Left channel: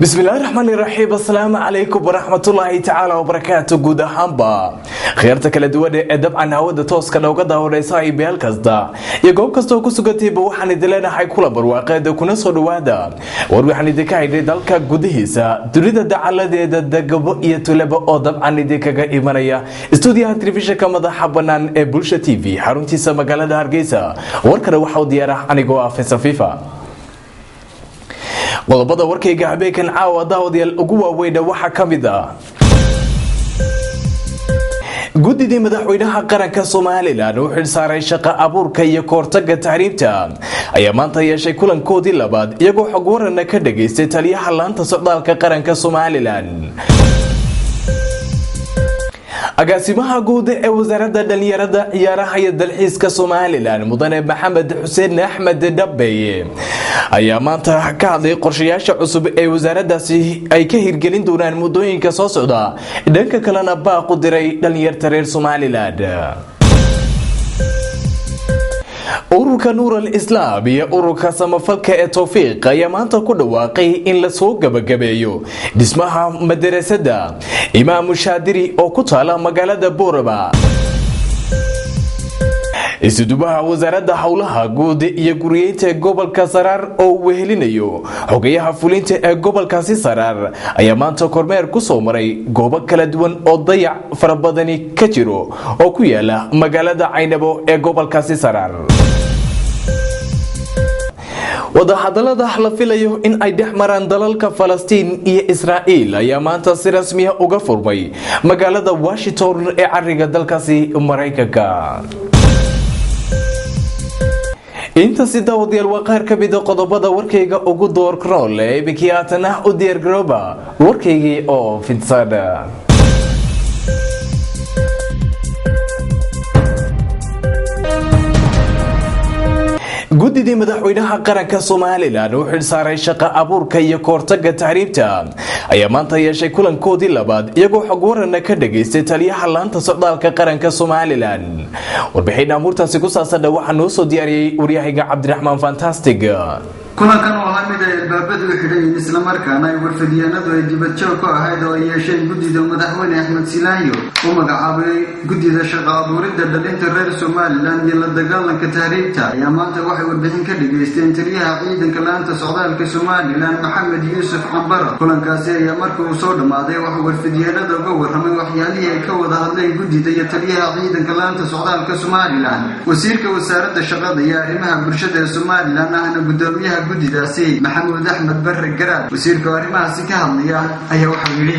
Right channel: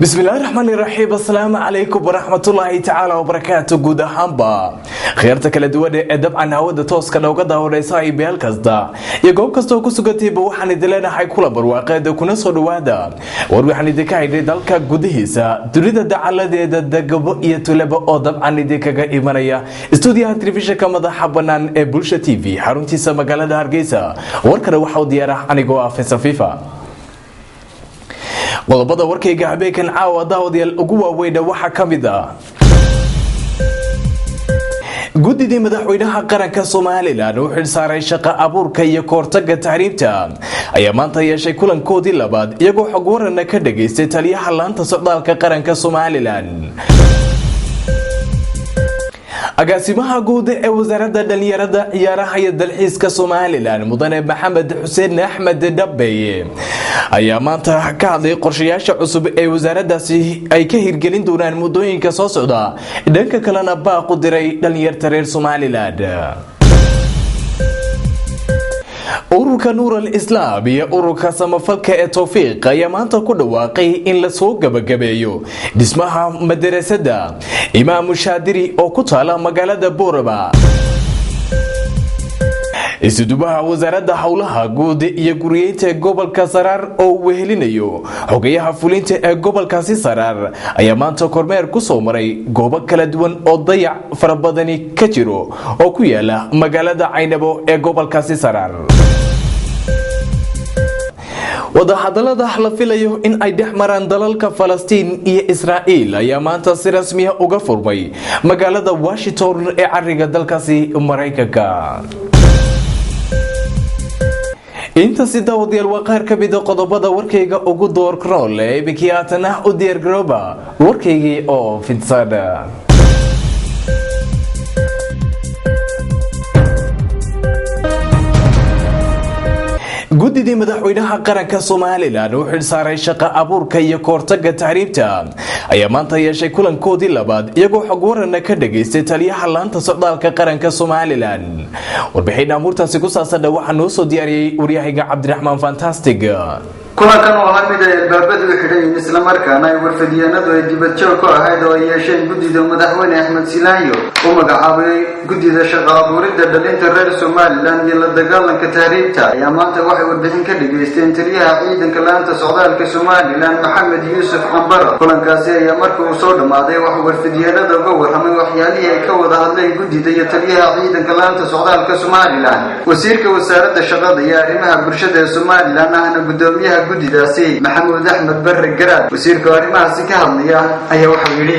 بسم الله الرحمن الرحيم. السلام عليكم ورحمة الله تعالى وبركاته. جود هامبا خيرتك لدوده dabcan hawada tooska looga daawareysay beel kasta iyo goob kasta oo ku sugantayba waxaan idin leenahay kula barwaaqeeda kuna soo dhawaada war waxaan idin ka haynay dalka gudihiisa dunida dacaladeeda degabo iyo tulaba oo dabcan idin kaga imanaya stuudiyaha telefishinka madaxa banaan ee Bulsha TV xaruntiisa magaalada Hargeysa. warkana waxa uu diyaar ah anigoo ah Faisal Fifa. qodobada warkayga habeenkan caawa daawadayaal ugu waaweyn waxa kamid ah guddiga madaxweynaha qaranka Soomaaliland oo xil saaray shaqo abuurka iyo koortaga tahriibta ayaa maanta yeeshay kulankoodii labaad iyagoo xog waran ka dhageystay taliyaha laanta socdaalka qaranka Soomaaliland. agaasimaha guud ee wasaaradda dhalinyarada ciyaaraha iyo dalxiiska Soomaaliland mudane Maxamed Xuseen Axmed Dabeye ayaa maanta ka hadlay qorshayaasha cusub ee wasaaraddaasi ay ka hirgelin doonaan muddooyinka soo socda dhanka kalena baaq u diray dhalinyarada reer Soomaaliland. ururka Nuur al-Islaam iyo ururka samafalka ee Tawfiiq ayaa maanta ku dhawaaqay in la soo gabagabeeyo dhismaha madrasada Imaam Shaadiri oo ku taala magaalada Boorama. isudubaha wasaaradda hawlaha guud iyo guriyeynta gobolka Saraar oo wehelinayo xogayaha fulinta ee gobolkaasi Saraar ayaa maanta kormeer ku soo maray goobo kala duwan oo dayac farabadani ka jiro oo ku yaala magaalada Caynabo ee gobolkaasi Saraar. wadahadalada la filayo in ay dhexmaraan dalalka Falastiin iyo Israa'iil ayaa maanta si rasmi ah uga furmay magaalada Washington ee cariga dalkaasi Mareykanka. inta si daawadayaal waa qaar ka mid ah qodobada warkayga ugu door krool ee bikiyaatana u diyaar garooba warkaygii oo fidsada. guddiga madaxweynaha qaranka Soomaaliland oo xil saaray shaqo abuurka iyo koortaga tahriibta ayaa maanta yeeshay kulankoodii labaad iyagoo xog waran ka dhageystay taliyaha laanta socdaalka qaranka Soomaaliland. warbixin amuurtaasi ku saabsan waxa noo soo diyaariyay wariyahayga Cabdiraxmaan Fantastic. kulankan oo mid ay baabadu xidhay isla markaana ay warfadiyeenadu ay dibad joog ka ahayd oo ay yeesheen guddiga madaxweyne Axmed Silaayo oo magacaabay guddiga shaqo abuuridda dhalinta reer Soomaaliland iyo la dagaalanka tahriibta ayaa maanta waxay warbixin ka dhageysteen taliyaha ciidanka laanta socdaalka Soomaaliland Maxamed Yuusuf Cambaro. kulankaasi ayaa markii uu soo dhamaaday waxa warfadiyeenadu uga warramay waxyaalihii ay ka wada hadleen guddiga iyo taliyaha ciidanka laanta socdaalka Soomaaliland. wasiirka wasaaradda shaqada iyo arrimaha bulshada ee Soomaaliland ahna gudoomiyaha guddigaasi Maxamuud Axmed Barre Garaad wasiirka arrimahaasi ka hadlaya ayaa waxa uu yiri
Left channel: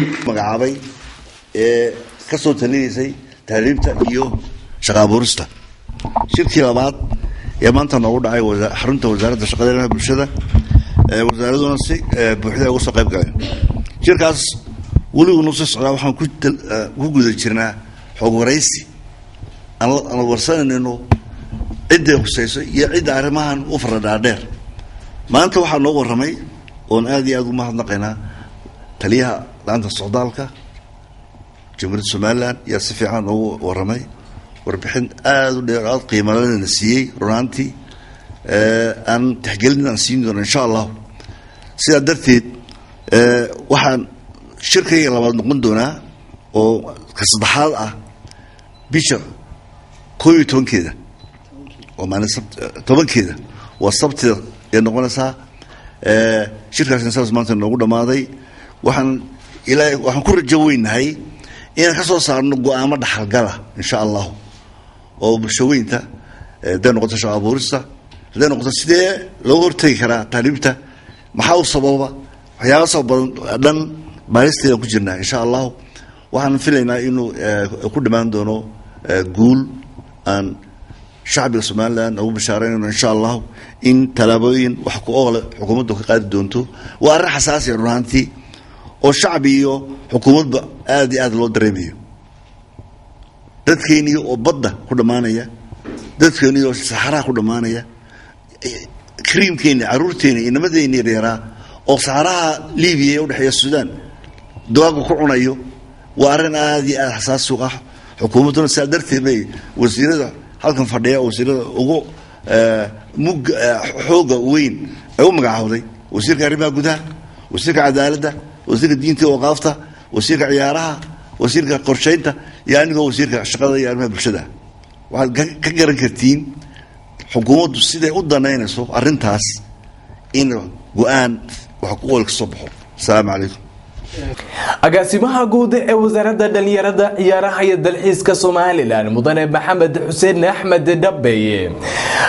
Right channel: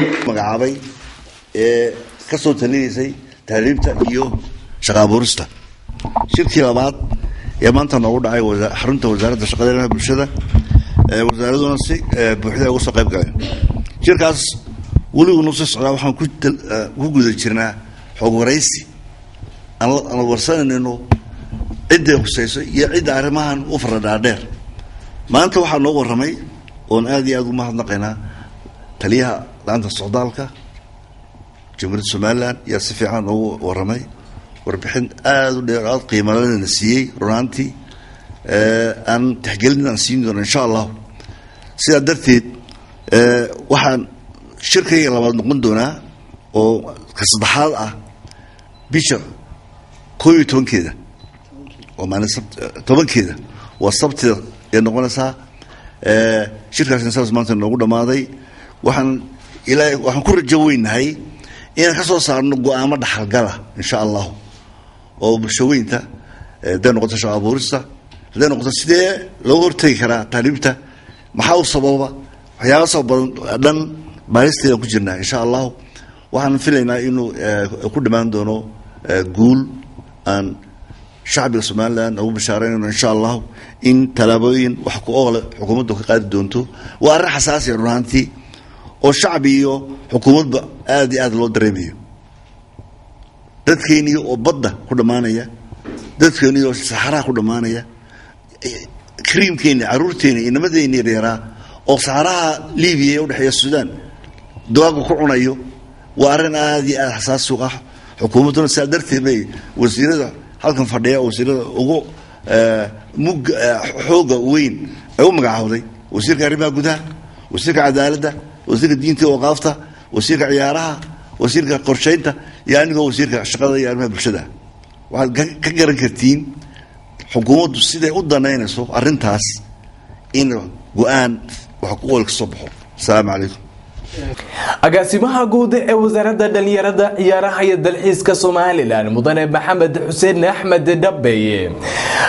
agaasimaha guud ee wasaaradda dhalinyarada ciyaaraha iyo dalxiiska Soomaaliland mudane Maxamed Xuseen Axmed Dabeye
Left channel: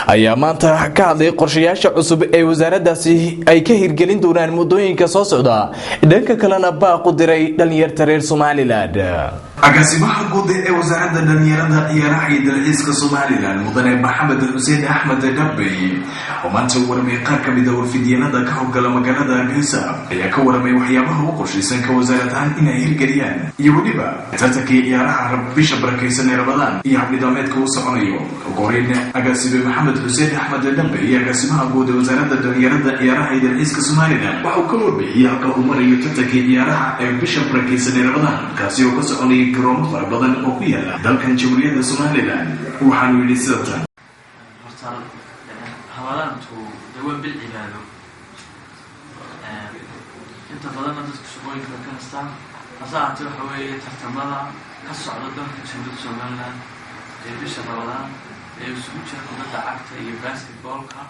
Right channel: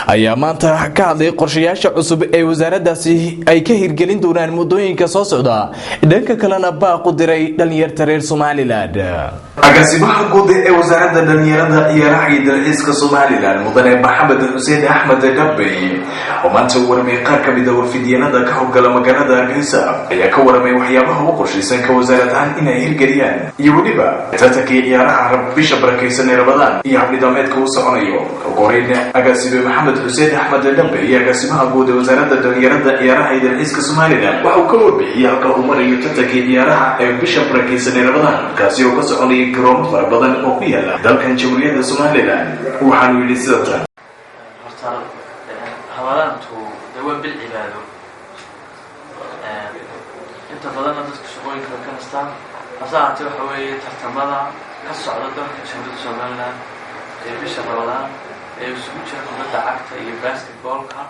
ayaa maanta ka hadlay qorshayaasha cusub ee wasaaraddaasi ay ka hirgelin doonaan muddooyinka soo socda dhanka kalena baaq u diray dhalinyarada reer Soomaaliland. agaasimaha guud ee wasaaradda dhalinyarada ciyaaraha iyo dalxiiska Soomaaliland mudane Maxamed Xuseen Axmed Dabeye oo maanta warmay qaar ka mid ah warfidiyeenada ka howlgala magaalada Hargeysa ayaa ka warmay waxyaabaha uu qorshaysan ka wasaaradda inay hirgeliyaan iyo waliba tartankii ciyaaraha bisha barakeysan ee Ramadaan iyo habdhidaameedka uu soconayo. Goorayna agaasime Maxamed Xuseen Axmed Dabeye agaasimaha guud ee wasaaradda dhalinyarada ciyaaraha iyo dalxiiska Soomaaliland waxa uu ka warbixiyay halka uu marayo tartankii ciyaaraha ee bisha barakeysan ee Ramadaan kaasi oo ka soconaya garoomo fara badan oo ku yaala dalkan Jamhuuriyadda Soomaaliland. waxaanu yidhi sidatan بالعبادة انت فضلنا dadka shaqooyinka ka nastaan asaati waxa weeye tartamada ka socda dalka Jamhuuriyadda Soomaaliland ee bisha Ramadaan ee isugu jira kubadda cagta iyo basketballka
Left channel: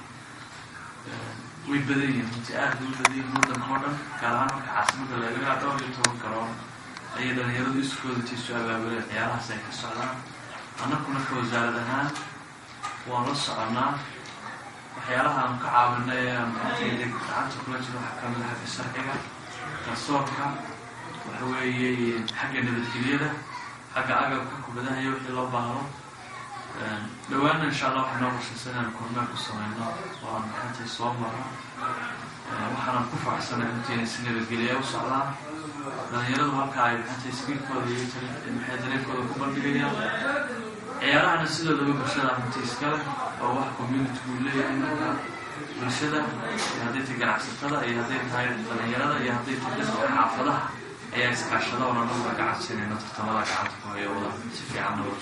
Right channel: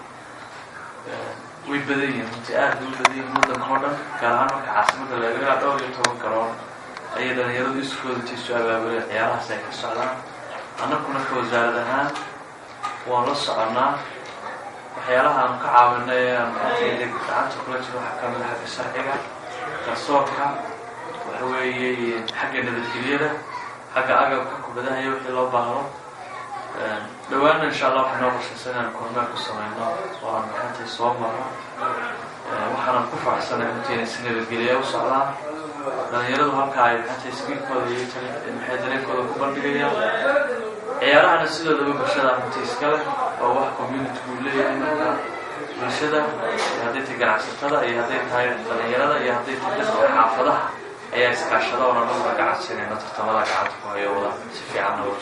way badan yihiin inta aad u badan yihiin waddanka oo dhan gaar ahaan marka caasimadda laga dhowr iyo toban garoon ay dhalinyaradu iskooda tiisu abaabulay ciyaarahaas ay ka socdaan annaguna ka wasaarad ahaan waan la soconaa waxyaalaha aan ka caawinay gacanta kula jiro waxa ka mid ah xagga sharciga garsoorka waxa weeye xagga nabadgelyada xagga agabka kubadaha iyo wixii loo baahdo dhawaana insha Allah waxaan noo qorshaysan inaan kormeer ku sameyno oo aan gacanta soo marno waxaan ku faraxsanahay intii si nabadgelyo u socdaan dhalinyaradu halka ay gacanta iskiilkooda iyo maxay dareenkooda ku bandhigayaan ciyaarahana sidoo bulshada intii iskale oo wax community ku leeyahay marka bulshada hadday tahay ganacsatada iyo hadday tahay dhalinyarada iyo hadday tahay dadka xaafadaha ayaa iskaashada oo nabad ganacsiga tartamada gacanta ku haya wada si fiican oo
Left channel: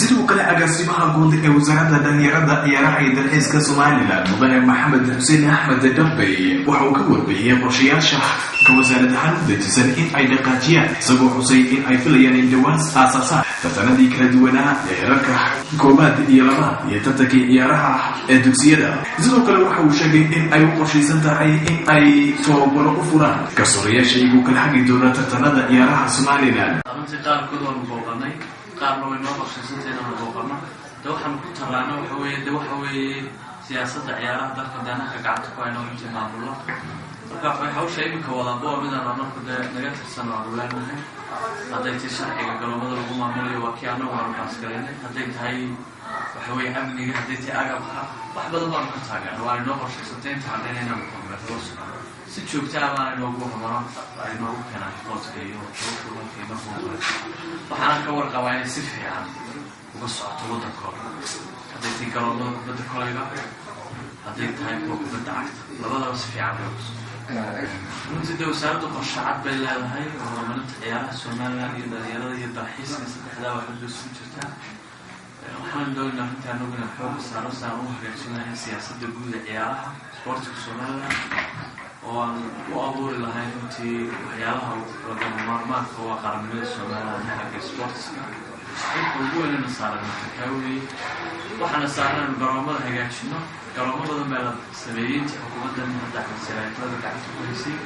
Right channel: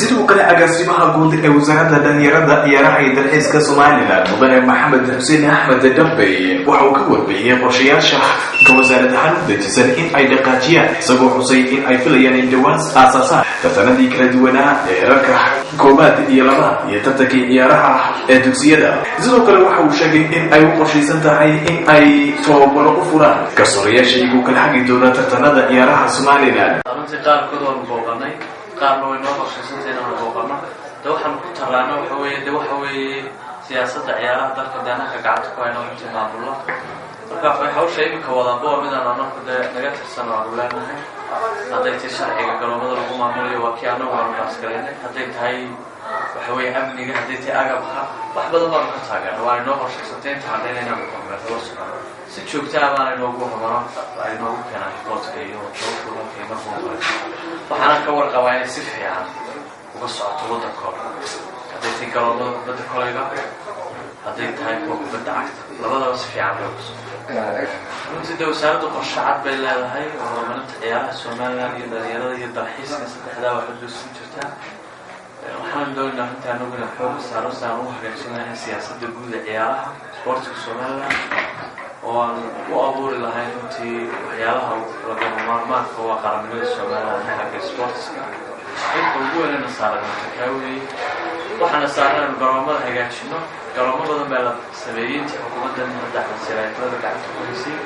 sidoo kale agaasimaha guud ee wasaaradda dhalinyarada ciyaaraha iyo dalxiiska Soomaaliland mudane Maxamed Xuseen Axmed Dabeye waxa uu ka warbixiyay qorshayaasha ka wasaaradda hanudaysan in ay dhaqaajiyaan isagoo xusay in ay filayaan in dhawaan aasaasan tartanadii kala duwanaa ee heerarka koobaad iyo labaad iyo tartankii ciyaaraha ee dugsiyada. sidoo kale waxa uu sheegay in ay u qorshaysan tahay in ay tababaro u furaan garsoorayaasha iyagu kala xagi doona tartanada ciyaaraha Soomaaliland. qaarna way noo qorshaysantahay inaan booqano waxaan ku taraana waxa weeye siyaasadda ciyaaraha dalka danaha gacanta ku hayno inta maamulo marka waxay hawsha imika wadaan boo midaan annagu naga tirsan oo leenahay hadday tahay sharciga garoomada lagu maamulo waa kii annagu aan baasgareynay hadday tahay waxa weeye amniga hadday tahay agabka wax badan baan ka taageernay waa inoo qorshaysantahay inta haddayna inaan kormeerno si joogto ah baan inoogu hormaro ay noogu keenaan qoodka iyo shaqada qiimaha waxaan ka warqabaa in si fiican uga socoto waddanka hadday tahay garoomada kubadda kolayga hadday tahay kubadda cagta labadaba si fiican loo runtii wasaaraddu qorshe cad bay leedahay oo horumarinta ciyaaraha Soomaaliland iyo dhalinyarada iyo dalxiiska saddexdaa waxay doosin jirtaa waxaan doonaynaa inta anagu inaan xoog saaro saan u hagaajinahay siyaasadda guud ee ciyaaraha sportka Soomaaliland oo aan u abuuri lahayn runtii waxyaalaha lagama maarmaanka waa qaranimada Soomaaliland xagga sportska inta ugu weynna saaran takaawi waxaana saaran garoomada hagaajino garoomo badan baa la sameeyay xukuumadda madaxda siyaasadda gacanta ku haysay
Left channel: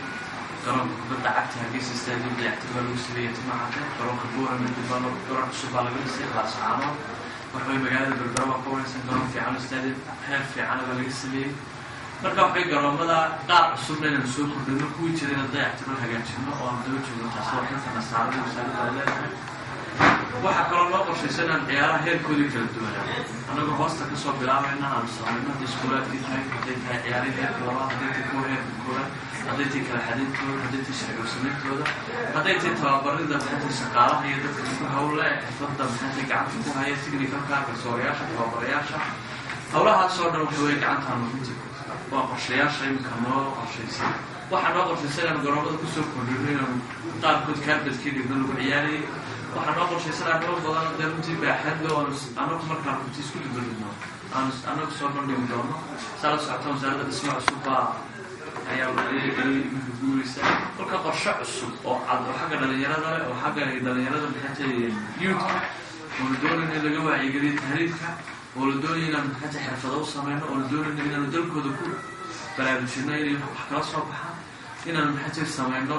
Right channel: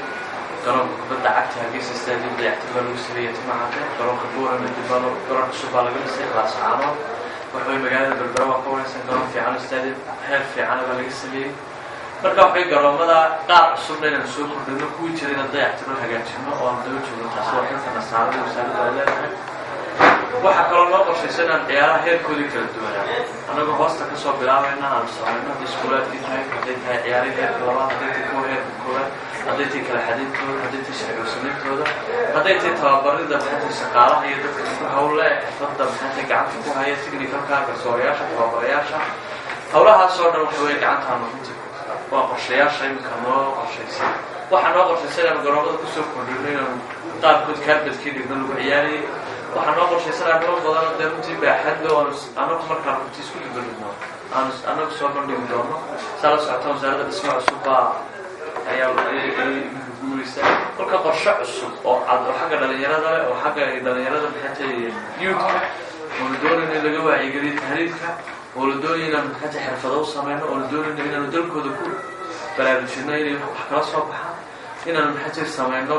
garoonka kubadda cagta Hargeysa stadium dayactir lagu sameeyay Timacada garoonka Buurama Dibalo garoon cusub laga dhisay Laascaano waxay magaalada Berbera ka wareysan garoon fiican stadium heer fiican laga sameeyay marka waxay garoomada qaar cusub inaan soo kordhino ku jireen dayactir hagaajino oo aan daba joogno taasoo xilka nasaaradda wasaaradda leedahay waxa kaloo loo qorshaysan in ciyaaraha heerkooda kala duwan anagu hoosta ka soo bilaabayna aan sameeyno iskuulaadkii tahay hadday tahay ciyaaraha heerka labaad hadday tahay kuwa heerka koowaad hadday tahay kala xadiidkooda hadday tahay sharci-u-samayntkooda hadday tahay tababarida maxay shaqaalaha iyo dadka ku hawle xirfadda maxay gacanta ku haya technical-ka garsoorayaasha tababarayaasha hawlahaas oo dhan waxay gacantaan runtii waa qorshayaasha imika noo qorshaysan waxaan noo qorshaysan in garoomada ku soo kordhino inaan qaarkood kaarbadkii dhigno lagu ciyaarayay waxaan noo qorshaysan arrimo badan oo runtii baaxad leh oo anagu markaa runtii isku dhibirno anagu soo bandhigi doono sala socota wasaaradda dhismaha cusub ayaa guuraysa kolka qorshe cusub oo xagga dhalinyarada leh oo xagga dhalinyarada maxay tahay youth-ka oo la doonayo in laga wacyigeliyo tahriibka oo la doonayo inaan maxay tahay xirfado u sameyno oo la doonayo inaan dalkooda ku baraarujino inay wax kala soo baxaan inaan maxay tahay sameyno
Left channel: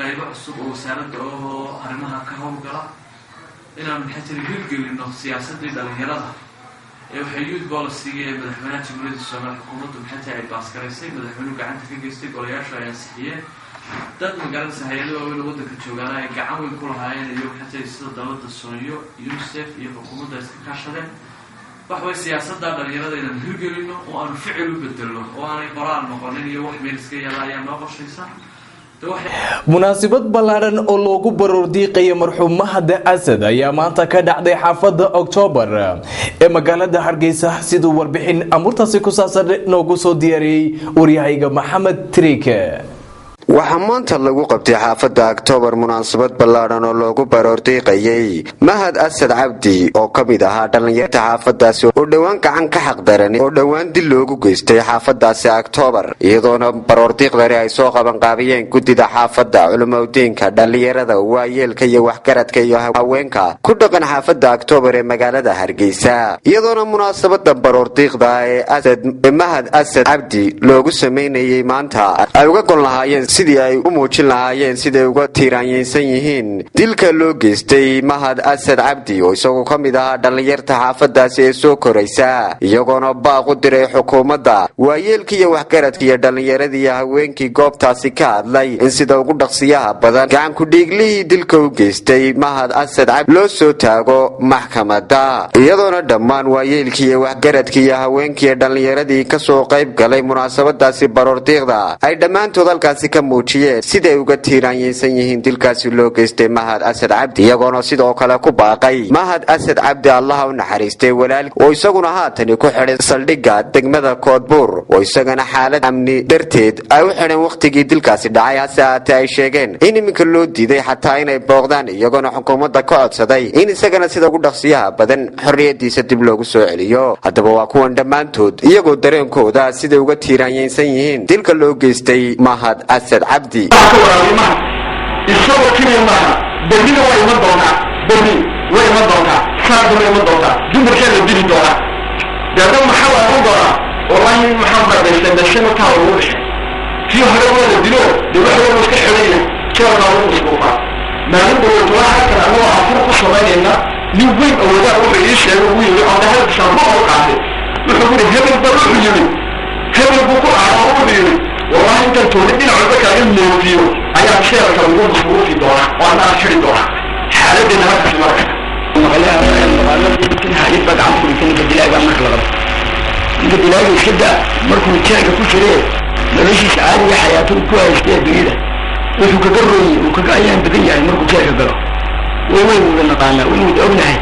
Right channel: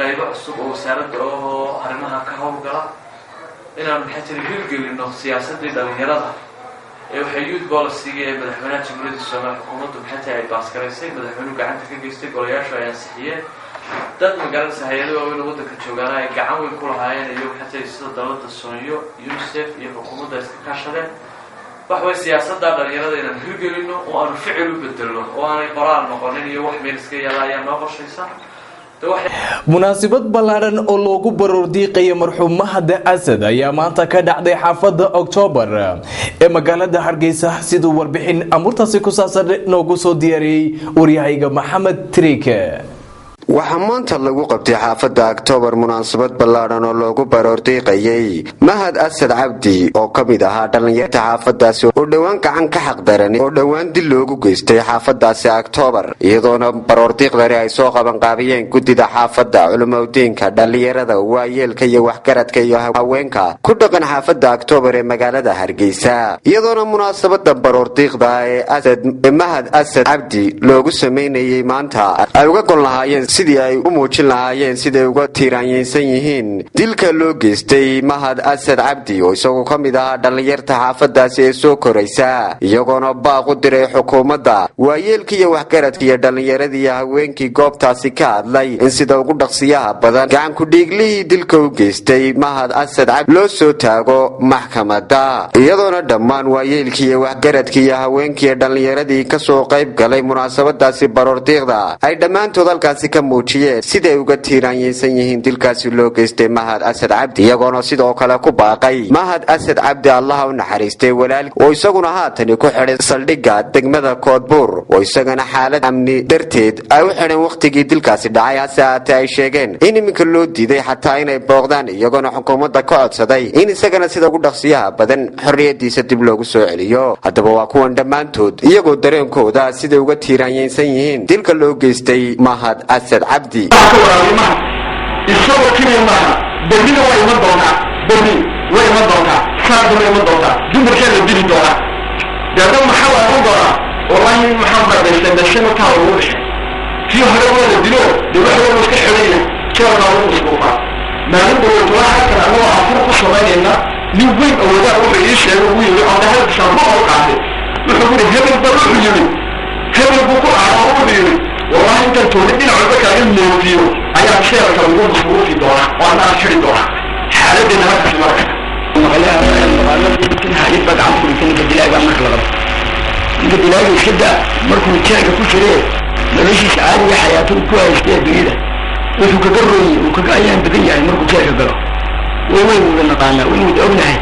qaybo cusub oo wasaaradda oo arrimaha ka howlgala inaan maxay tiri hirgelino siyaasadii dhalinyarada ee waxay youth policy-ga ee madaxweynaha jamhuuriyadda Soomaaliya xukuumaddu maxay tahay ay baaskaraysay madaxweynuhu gacanta ka geystay golayaasha ay ansixiyeen dad magaalada hay'adaha waaweyn waddanka joogaan ay gacan weyn ku lahaayeen iyo maxay tahay sida dowladda Soomaaliya UNICEF iyo xukuumadda iska kaashadeen wax way siyaasadda dhalinyarada inaan hirgelino oo aan ficil u bedelno oo aanay qoraal noqonin iyo wax meel iska yaala ayaa noo qorshaysan munaasabad ballaaran oo loogu baroordiiqay marxuum Mahad Asad ayaa maanta ka dhacday xaafadda October ee magaalada Hargeysa sidoo warbixin amurtaasi ku saabsan noogu soo diyaariyay wariyahayga Maxamed Trike waxaa maanta lagu qabtay xaafadda October munaasabad ballaaran oo loogu baroordiiqayay Mahad Asad Cabdi oo kamid ahaa dhalinyarada xaafadaasi oo dhawaan gacan ka xaqdaran oo dhawaan dil loogu geystay xaafadaasi October iyadoona baroordiiqdani ay soo qaban qaabiyeen gudida xaafadda culimadiinka dhalinyarada waayeelka iyo waxgaradka iyo haweenka ku dhaqan xaafadda October ee magaalada Hargeysa iyadoona munaasabada baroordiiqda ee Mahad Asad Cabdi loogu sameeyay maanta ay uga gol lahaayeen sidii ay u muujin lahaayeen siday uga tiiraanyaysan yihiin dilka loo geystay Mahad Asad Cabdi oo isagoo kamid ah dhalinyarada xaafadaasi ee soo koraysa iyagoona baaq u diray xukuumadda waayeelka iyo waxgaradka iyo dhalinyaradii haweenkii goobtaasi ka hadlay in sida ugu dhaqsiyaha badan gacan ku dhiiglihii dilka u geystay Mahad Asad Cabdi loo soo taago maxkamadda iyadoona dhammaan waayeelkii iyo waxgaradkii iyo haweenkii dhalinyaradii ka soo qayb galay munaasabadaasi baroordiiqda ay dhammaantood halkaasi ka muujiyeen siday uga tiiraanyaysan yihiin dilkaasi loo geystay Mahad Asad Cabdi iyagoona sidoo kale ku baaqay Mahad Asad Cabdi Allah u naxariistay walaal oo isaguna haatan ku xidhay saldhigga degmada Koodbuur oo isagana xaalad amni darteed ay u xidhan waqtigii dilkaasi dhacay hase ay sheegeen in iminka loo diiday xataa inay booqdaan iyagoona xukuumadda ka codsaday in isagana sida ugu dhaqsiyaha badan xorriyadiisa dib loogu soo celiyo haddaba waa kuwan dhammaantood iyagoo dareenkooda siday uga tiiraanyaysan yihiin dilka loo geystay Mahad Asad Cabdi isagoo kaliya maaha berrina waa iman doonaa berri way iman doontaa saarda way iman doontaa dumarkaa la dili doonaa deedna maxaa la oran doonaa wallaahi maxaan barabaysan dashana kaa lagu dhexay kii hore waa la dilo dee waxa waa iska xidhayna jeelkaa lagu musquufaa maalin dhawood waa halkan annagoo afur ku samaynayna nin weyn awoodaa wuxuu ii sheegay ugu yimi oo dhahalkiisaan ma oo qaatay wuxuu yidhi hebel baa wuxuu yimi hebel buu ku ahaa wuxuu yidhi والله انت تولد دين عربك الموتيو ايا شيرك الوضوء مصروفي دونا وانا اشري دونا حالتنا هذا في مركز المغالب يمكنها يبقى عنكم يمكن الدلاء بقى مخلغة انت الدلاء يشدى مركم الشاركة كل شريه ملوشي سعادة حياته كويس كده بعيدة وشو كقرري وكقايان بدين يعني مركم الشاركة قرر وين ودنا قانا وين ودقنا هاي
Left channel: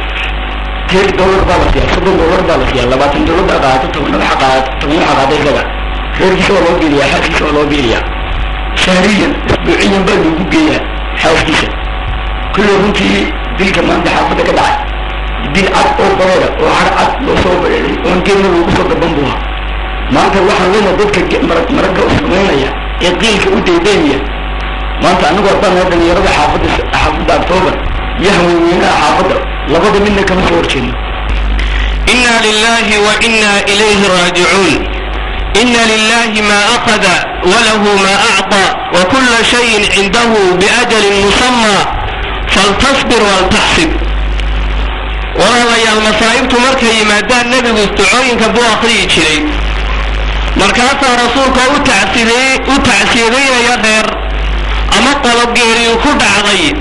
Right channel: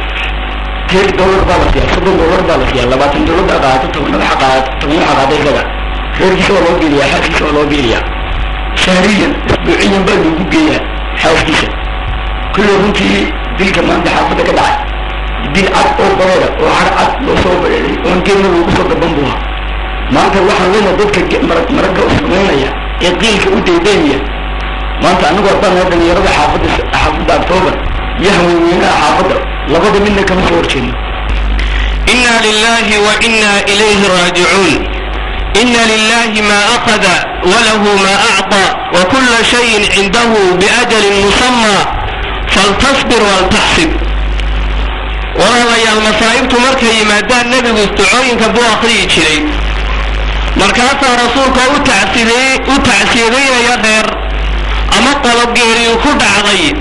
$10 بالك يا $10 بالك يا $20 قاعدة تقولنا حقات تقولنا حقات كذا غير شو لو بيليا حاسس شو لو بيليا شهريا اسبوعيا بدو بقيا حاسس كل يوم تي دي كمان ده حافظه كده دي عاد او بريده او عاد لو سو بريده وانكن لو سو دبنبوها ما انت واحد لنا ضدك مرقه اسمعينيا يقيلك وديدينيا ما انت انو قطان هذا يرد حافظ اكتوبر يهوي وينا حافظه لقد منك كم صورتين إنا لله وإنا إليه راجعون إن لله ما أخذ وله ما أعطى وكل شيء عنده بأجل مسمى فلتصبر ولتحسب ولا يا المصائب تمركي ما دان نبي استعوين كبو أخري شيء مركاتا رسولك وتعسيري يا غير أما طلب غيري وكد عضي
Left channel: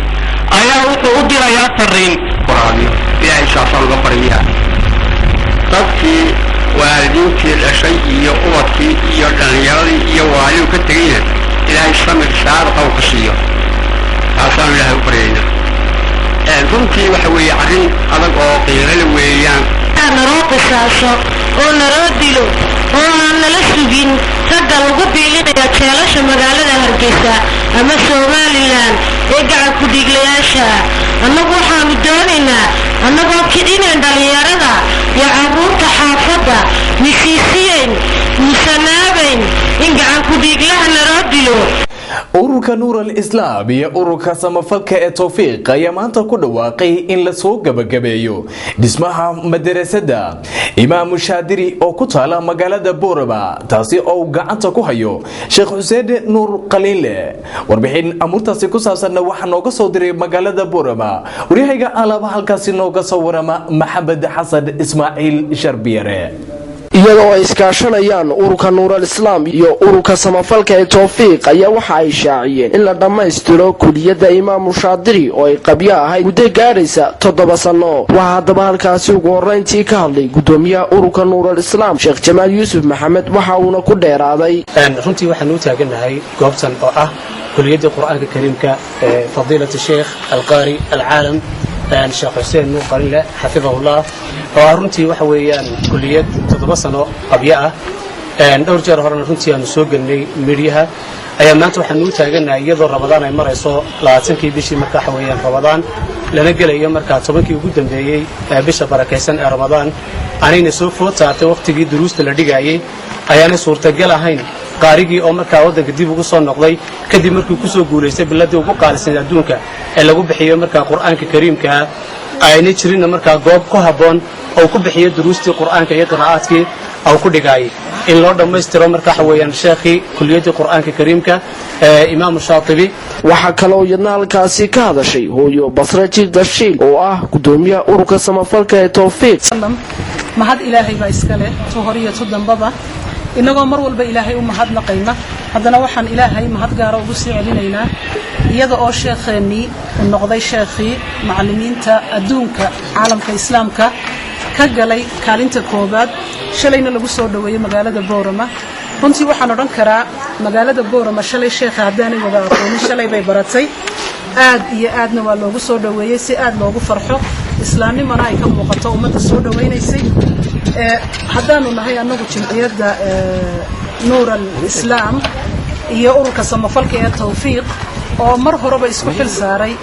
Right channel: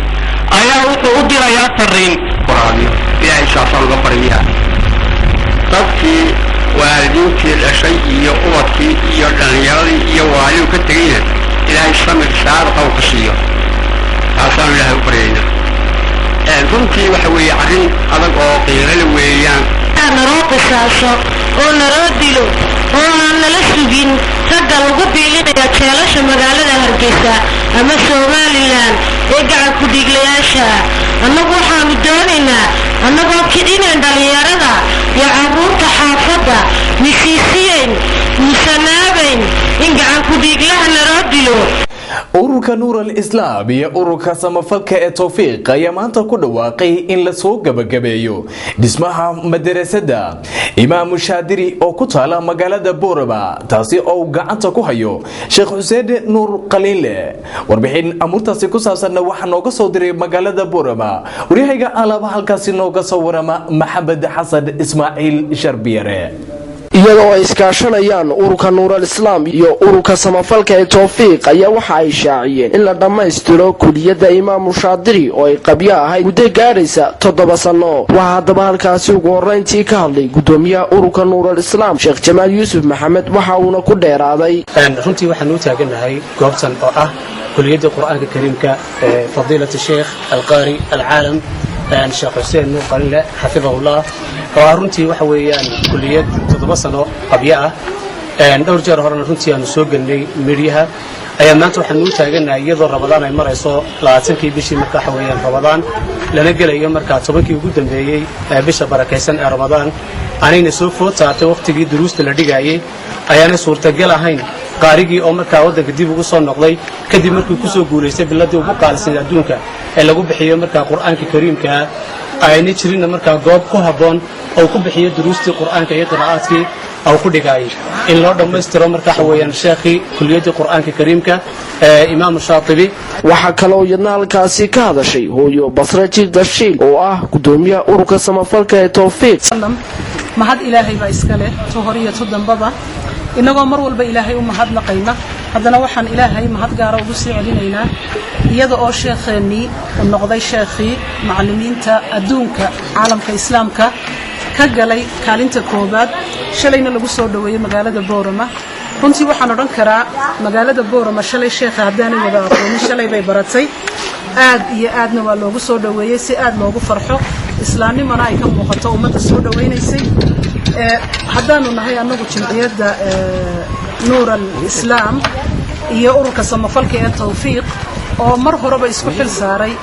أيا أدر يا فرين قرآن يا إنشاء الله غفرية تبكي والدينتي الأشياء iyo ubadkii iyo dhalinyaradi iyo waalidu ka tegayna ilaahay samir saar qaw qasiyo taasaan ilaahay u baryayna runtii waxa weeye arrin adag oo qiirale weeyaan naroo qisaaso oo naroo dilo oo aan nala sugin ragga lagu biilinaya jeelasha magaalada Hargeysa ama Somaliland ee gacan ku dhiglayaasha annagu waxaanu doonaynaa annagoo kidineen dhalinyarada iyo carruurta xaafadda misiisiyen musanaabayn in gacan ku dhiglaha naroo dilo ururka nuur al-islaam iyo ururka samafalka ee tawfiiq ayaa maanta ku dhawaaqay in la soo gabagabeeyo dhismaha madarasada imaam shaadiri oo ku taala magaalada Boorama taasi oo gacanta ku hayo Sheekh Xuseen Nuur Qaliile warbixin amurtaasi ku saabsan waxa nooga soo diray magaalada Boorama wariyayga alaaba halkaasi nooga soo warama Maxamed Xasan Ismaaciil Sharbiyare iyadoo ay iskaashanayaan ururka nuur al-islaam iyo ururka samafalka ee tawfiiq ayaa waxa ay shaaciyeen in la dhammaystiro kuliyadda imaam shaadiri oo ay qabyo ahayd muddo gaaraysa 7 sano waxaa haddaba halkaasi ugu horreyntii ka hadlay gudoomiyaha ururka nuur al-islaam Sheekh Jamaal Yuusuf Maxamed waxa uuna ku dheeraaday runtii waxaan u taaganahay goobtan oo ah kuliyadda quraanka kariimka ee fadiilada Sheekh al-Qaari al-Caalam Sheekh Xuseen Nuur Qaliile xafidahullah oo runtii waxa weeyaan kuliyad 7 sano qabyo ah dhowr jeer horena runtii aanu soo galnay midiyaha ayaa maanta waxaan u taaganahay iyadoo Ramadaan ay marayso 20kii bishii markaa waxa weeyaan Ramadaan lana gelayo markaa 10kii ugu dambeeyay bisha barakeysan ee Ramadaan anayna soo food saartay waqtigii duruusta la dhigayay ayaana suurtagal ahayn qaarigii oo markaa wadanka dib ugu soo noqday kadib markii ku soo guuleystay biladii ugu qaalisan adduunka ee lagu bixiyo markaa quraanka kariimka ayna jirin markaa goob ku haboon oo ku bixiyo duruustii quraanka iyo qiraa'aadkii oo ku dhigay in loo dhameystiro markaa waxa weeyaan sheekhi kuliyadda quraanka kariimka imaam shaatibi waxa kale oo yadna halkaasi ka hadashay hooyo Basra Jirdashiil oo ah gudoomiyaha ururka samafalka ee tawfiiq mahad ilaahay baa iska leh horiyo dambaba inagoo mar walba ilaahay u mahadnaqayna haddana waxaan ilaahay mahad gaar ugu sii celinaynaa iyada oo sheekheeni uu noqday sheekhi macallimiinta adduunka caalamka islaamka ka galay kaalinta koobaad shalayna lagu soo dhaweeyay magaalada Boorama runtii waxaan oran karaa magaalada Boorama shalay sheekha haddaanay wada aqoonin shalay bay baratay aad iyo aadna waa loogu soo dhaweeyay si aad loogu farxo islaamnimana ay ka muuqato ummadda soo dhaweynaysay haddaanu nahay anagu jimciyadda nuur al-islaam iyo ururka samafalka ee tawfiiq oo mar horeba isku xil saaray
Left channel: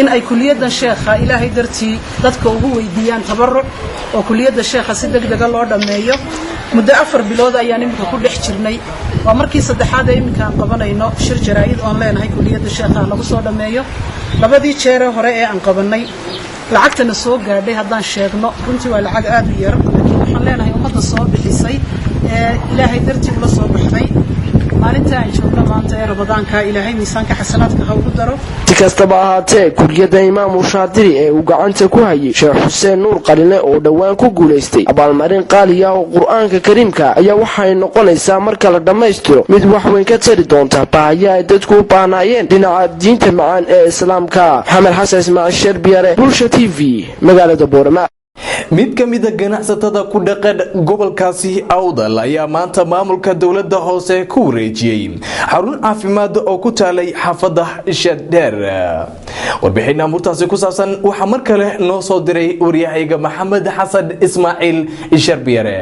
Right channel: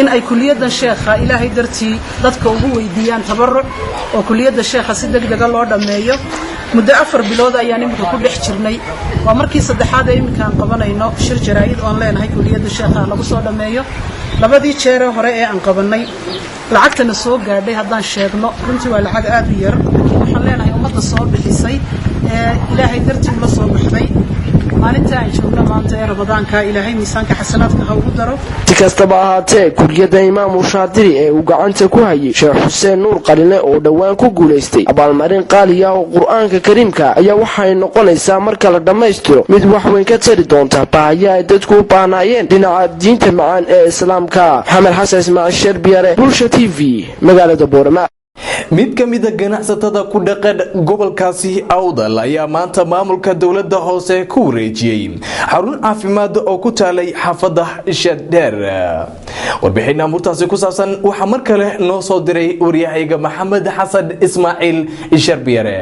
in ay kuliyaddan sheekha ilaahay dartii dadka ugu weydiiyaan tabaruc oo kuliyadda sheekha si degdeg ah loo dhameeyo muddo 4 bilood ayaan imika ku dhex jirnay waa markii saddexaad ee imika aan qabanayno shir jaraa'id oo leenahay kuliyadda sheekha lagu soo dhameeyo labadii jeer hore ee aan qabanay lacagtana soo gaadhay haddaan sheegno runtii waa lacag aad u yar laakiin waxaan leenahay ummadda soo bixisay ee ilaahay dartii ula soo baxday maalinta ay joogno maanta ee Ramadaanka ilaahay miisaanka xasanaadka ha ugu daro si kastaba ahaatee kuliyadda imaam shaadiri ee uu gacanta ku hayay Sheekh Xuseen Nuur Qaliile oo dhawaan ku guuleystay abaalmarin qaali ah oo quraanka kariimka ayaa waxay noqonaysaa marka la dhameystiro mid wax weyn ka tari doonta baahiyaha ay dadku u baahnaayeen dhinaca diinta macaan ee islaamka Maxamed Xasan Ismaaciil Sharbiyare Bulsha TV magaalada Boorama mid ka mid ah ganacsatada ku dhaqan gobolkaasi Awdal ayaa maanta maamulka dawladda hoose ku wareejiyay xarun caafimaad oo ku taalay xaafadda Shadeer warbixin amurtaasi ku saabsan waxa mar kale noo soo diray wariyayga Maxamed Xasan Ismaaciil Sharbiyare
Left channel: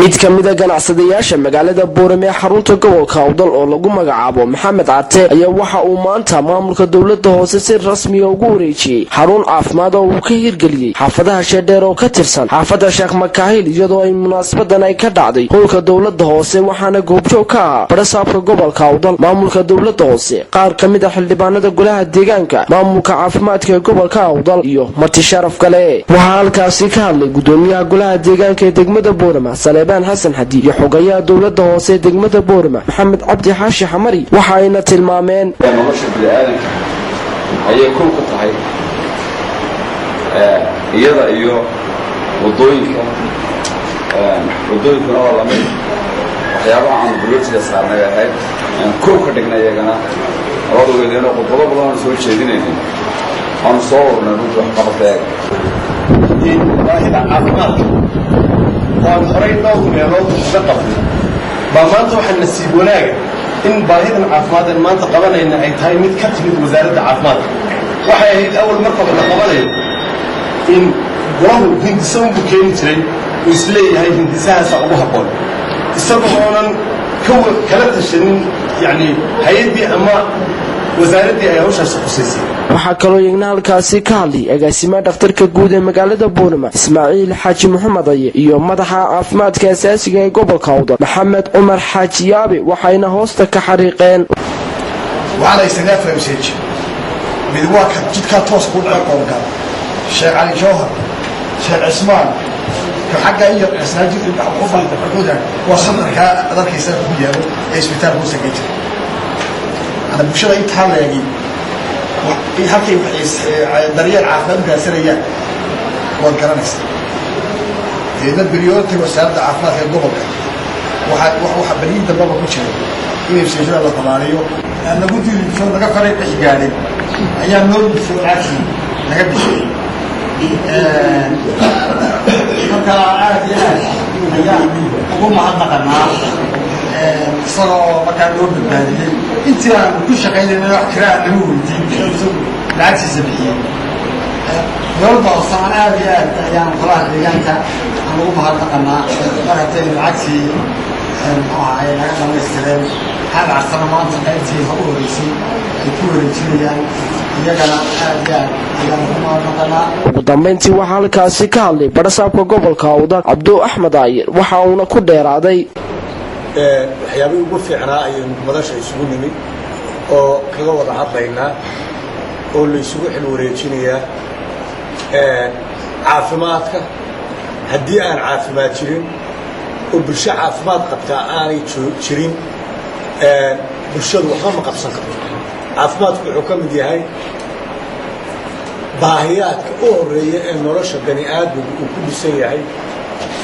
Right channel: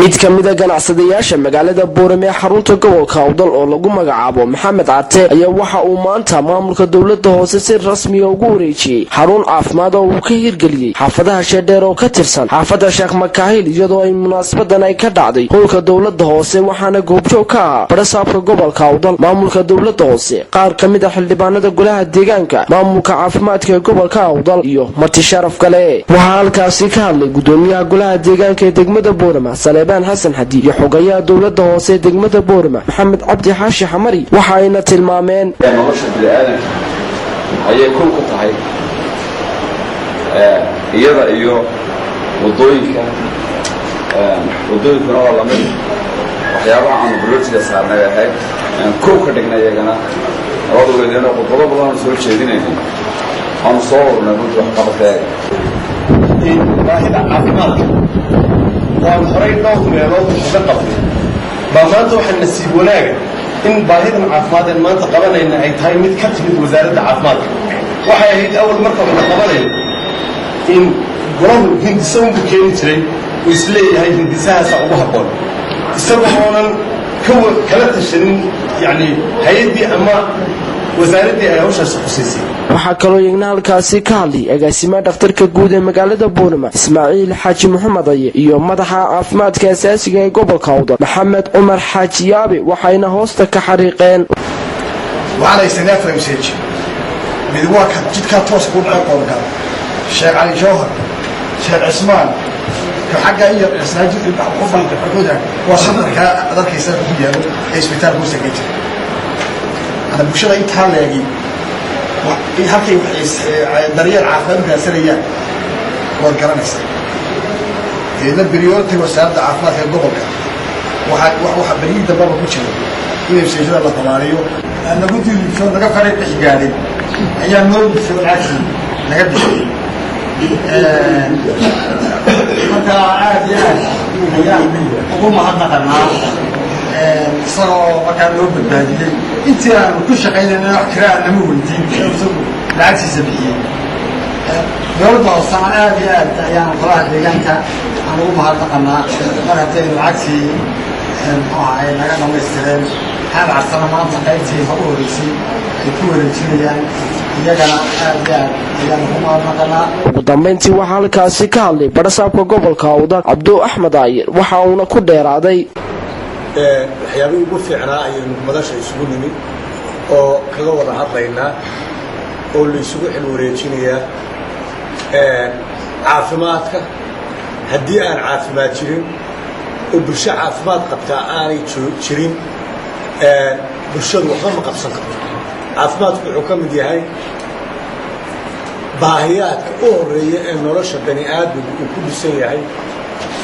mid ka mid ah ganacsadayaasha magaalada Boorama ee xarunta gobolka Awdal oo lagu magacaabo Maxamed Cate ayaa waxa uu maanta maamulka dawladda hoose si rasmi ah ugu wareejiyay xarun caafimaad oo uu ka hirgeliyay xaafadaha Shadeer oo ka tirsan xaafadda Sheekh Makaahil iyadoo ay munaasabadan ay ka dhacday howlka dawladda hoose waxaana goobjoog ka ah barasaabka gobolka Awdal maamulka dawladda hoose qaar ka mid ah xildhibaanada golaha deegaanka maamulka caafimaadka ee gobolka Awdal iyo marti sharaf kale waxa halkaasi ka hadlay gudoomiyaha golaha deegaanka ee degmada Boorama Salebaan Xasan Xadi iyo xogayaha dawladda hoose degmada Boorama Maxamed Cabdi Xaashi Xamari waxa ayna tilmaameen nolosha bini'aadanka ayay ku tahay iyada iyo wadooyinkuna waa lamid waxyaabaha aan bulshada saarnay ahayd koob ka dhignay iyagana labadoodeena qodobbo badan soo jeedinayay aan soo warnay wax qabteega in baahida caafimaadka waan horay dhowr meelood uga qabnay baa maanta waxaa nasiib wanaaga in baahidan caafimaadeen maanta qabanayna ay tahay mid ka timid wasaaradda caafimaadka waxay ahayd awal marka waxna qabanayo in golahu hindisa unbu keeni jiray uu isleeyahay hindisahaasa ugu habboon isagoo oonan kala tashanin yani hay-addii ama wasaaradii ay hawshaas xusaysay waxa kale oo iyagna halkaasi ka hadlay agaasimaha dhakhtarka guud ee magaalada Boorama Ismaaciil Xaaji Maxamed Aye iyo madaxa caafimaadka asaasiga ee gobolka Awdal Maxamed Umar Xaaji Yaabe waxayna hoosta ka xariiqeen waxaana isagaa fahamseeji mid waa ka jidkaa toos ku dhaca qoorgal sheekh cali jawhar sheekh cismaan ka xagga iyo masaajid ku fanta xuduudan waa sadarka adarkaysa ku yaalo ee isbitaalka u sagay jira ana bulshada intaa leegi in halkay daryeel caafimaad gaarsanayaan waad garanaysaa deedna beriyoodka wasaaradda caafimaadka ee gobolka waxa berihii dambaba ku jiray in ibseeshada la tabaariyo nagu diilibsho naga faray bixi gaadhay ayaa noo yibsho lacagtii naga bixiyey markaa aad iyo aad ayaan ugu mahadnaqanaa isagoo markaa noo badbaadiyey intii aanu ku shaqaynayna wax kiraa nama weydiin isagu lacagtiisa bixiyey dowladda hoosaan aad iyo aad ayaan golaha deegaanka aan ugu mahadnaqanaa mar haddaynu lacagtii muxuu ahaay naga dhamaystireen xaal carsana maanta qaybtii ha u horeysay ay ku wareejinayaan iyagana aad iyo aad ayaan ugu mahadnaqanaa ugu dambayntii waxaa halkaasi ka hadlay barasaabka gobolka awdal cabdu axmed aayir waxa uuna ku dheeraaday waxyaabihii ugu fiicnaa ayaynu madasha isugu nimid oo kaga wada hadlaynaa oo la isugu xil wareejinayaa caafimaadka haddii aan caafimaad jirin oo bulsho caafimaad qabtaa aanay jirin bulshadu waxba ma qabsan karto caafimaadku wuxuu ka mid yahay baahiyaadka u horeeya ee nolosha bani aadamku uu ku dhisan yahay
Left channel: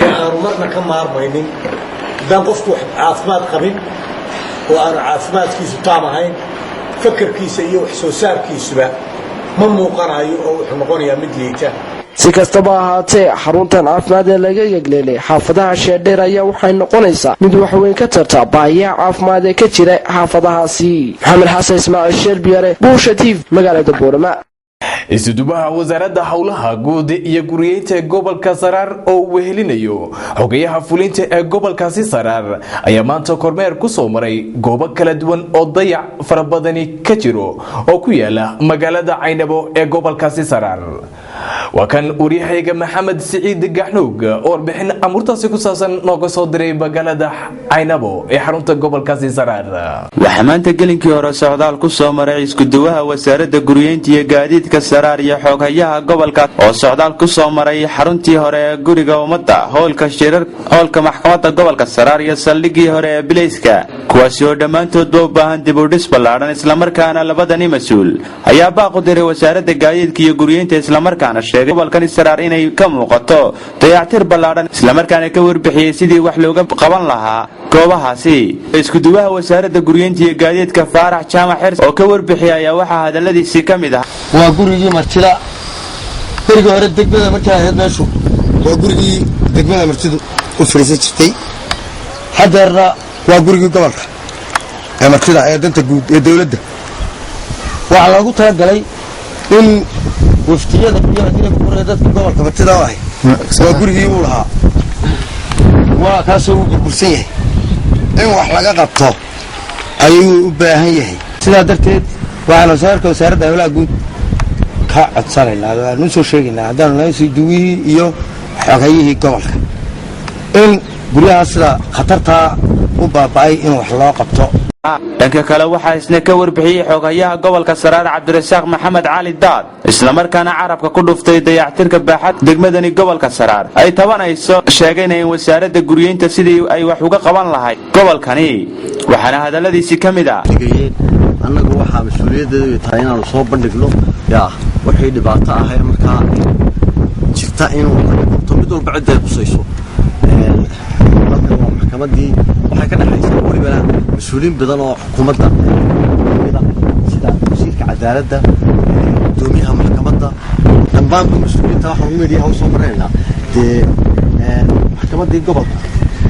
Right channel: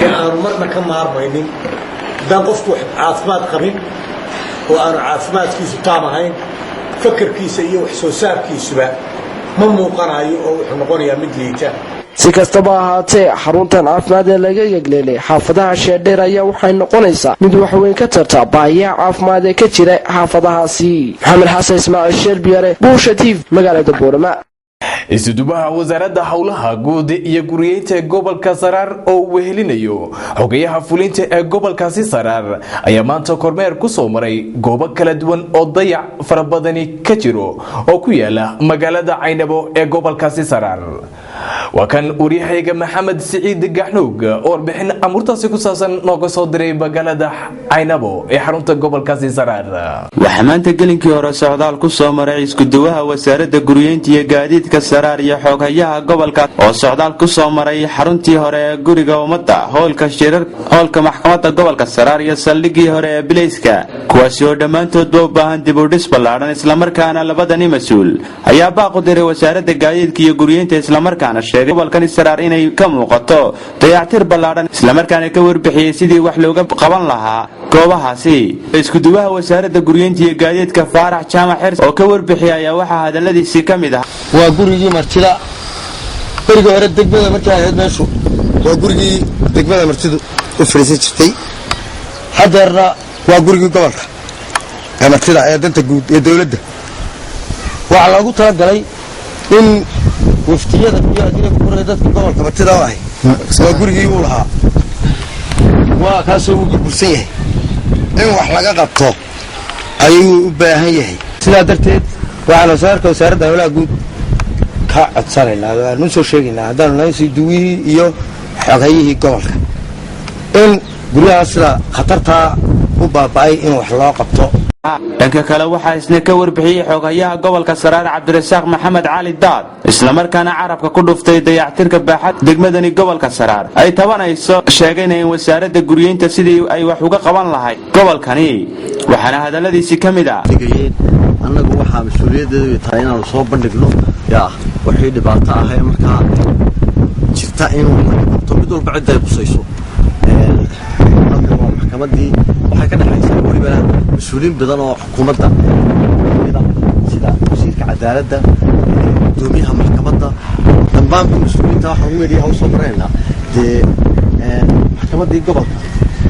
ee aanu marna ka maarmaynin haddaan qofku caafimaad qabin oo aanu caafimaadkiisu taam ahayn fakarkiisa iyo wax soo saarkiisuba ma muuqanayo oo wuxuu noqonayaa mid liita si kastaba ahaatee xaruntan caafimaad ee laga yegleelay xaafadaha sheedheer ayaa waxay noqonaysaa mid waxweyn ka tarta baahiyaha caafimaad ee ka jira xaafadahaasi maxamed xasan ismaaciil sheerbiyare buusha tv magaalada boorama isudubaha wasaaradda howlaha guud iyo guriyeynta ee gobolka saraar oo uu wehelinayo xogayaha fulinta ee gobolkaasi saraar ayaa maanta kormeer ku soo maray goobo kala duwan oo dayac fara badani ka jiro oo ku yaala magaalada caynabo ee gobolkaasi saraar waa kan waryahayga maxamed siciid gaxnuug oo warbixin amurtaasi ku saabsan nooga soo diray magaalada caynabo ee xarunta gobolkaasi saraar waxaa maanta gelinkii hore socdaal ku soo maray iskuduwaha wasaaradda guriyeynta iyo gaadiidka saraar iyo xooghayaha gobolka oo socdaal ku soo maray xaruntii hore ee guriga ummadda hoolka maxkamadda gobolka saraar iyo saldhiggii hore ee bilayska kuwaasi oo dhammaantoodba u baahan dib u dhis ballaadhan islamarkaana labadani mas-uul ayaa baaq u diray wasaaradda gaadiidka iyo guriyeynta islamarkaana sheegay gobolkani saraar inay ka muuqato dayactir ballaadhan islamarkaana ka warbixiyey sidii wax looga qaban lahaa goobahaasi iskuduwaha wasaaradda guriyeynta iyo gaadiidka faarax jaamac xirs oo ka warbixiyay ayaa waxaa hadalladiisii ka mid ah waa gurigii martida berigii hore degmada markay ahayd meeshu waa gurigii degmada martidu u fadhiisan jirtay haddeerna waa gurigii gobolka ee martida ee danta guud ee dowladda waxaa loogu talagalay in waftiyada iyo adiga kuray dadka gobolka martida u ahay waa gurigii uu lahaa waa kaasoo uu burbursan yahay in wax laga qabto ayuu u baahan yahay sidaa darteed waxaan wasaaradda howlaha guud ka codsanaynaa waanu soo sheegaynaa haddaanu nahay duwihii iyo xoghayihii gobolka in guryahaas sida khatartaa u baaba'ay in wax loo qabto dhanka kale waxaa isna ka warbixiyey xooghayaha gobolka saraar cabdirasaaq maxamed cali daad islamarkaana carabka ku dhuftay dayactirka baaxad degmadani gobolka saraar ay tabanayso sheegayna in wasaaradda guriyeynta sidii ay wax uga qaban lahayd gobolkani waxaana hadalladiisii ka mid ah annagu waxaa mas-uuliyaddeedu tahay inaanu soo bandhigno wixii dhibaato ahee markaa jirta inuu laga qabto mid walba cidda ay qusayso halkan waa maxkamaddii waxay ka dhexaysaa welibana mas-uuliyiin badan oo xukuumadda kamida sida wasiirka cadaaladda gudoomiyaha maxkamadda dhammaanba mas-uuliyiinta waxaan meediyaha u soo maraynaynaa dee maxkamaddii gobolka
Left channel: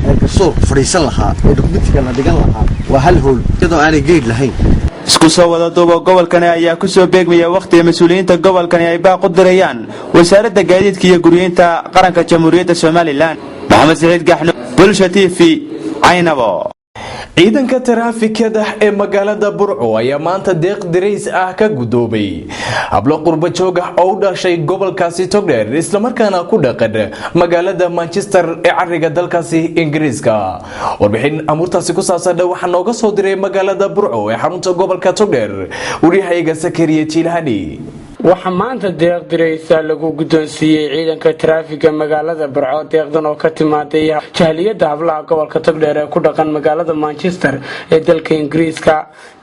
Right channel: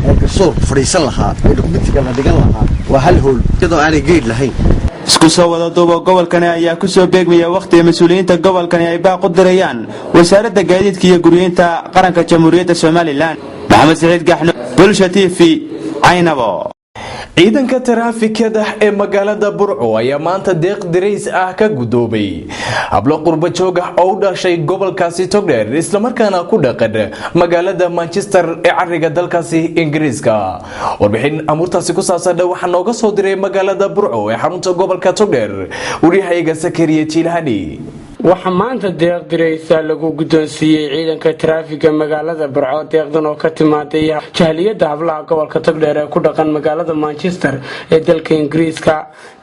ee garsoor fadhiisan lahaa ee dokumentiga la dhigan lahaa waa hal howl iyadoo aanay geed lahayn isku soo wada duubo gobolkani ayaa ku soo beegmaya wakhtiga mas-uuliyiinta gobolkani ay baaq u dirayaan wasaaradda gaadiidka iyo guriyeynta qaranka jamhuuriyadda somalilan maxamed siciid gaxno bulsha t v caynabo ciidanka taraafikada ee magaalada Burco ayaa maanta deeq dirays ah ka gudoobay hablo qurba joog ah oo u dhashay gobolkaasi Togdheer isla markaana ku dhaqan magaalada Manchester ee cariga dalkaasi Ingiriiska. Warbixin amurtaasi ku saabsan waxa nooga soo diray magaalada Burco ee xarunta gobolka Togdheer wariyahayga Sakariye Jilhani. waxaa maanta deeq diraysa lagu guddoonsiiyey ciidanka taraafiga magaalada Burco deeqdan oo ka timaaday jahliyada hablaha gobolka Togdheer ee ku dhaqan magaalada Manchester ee dalka Ingiriiska.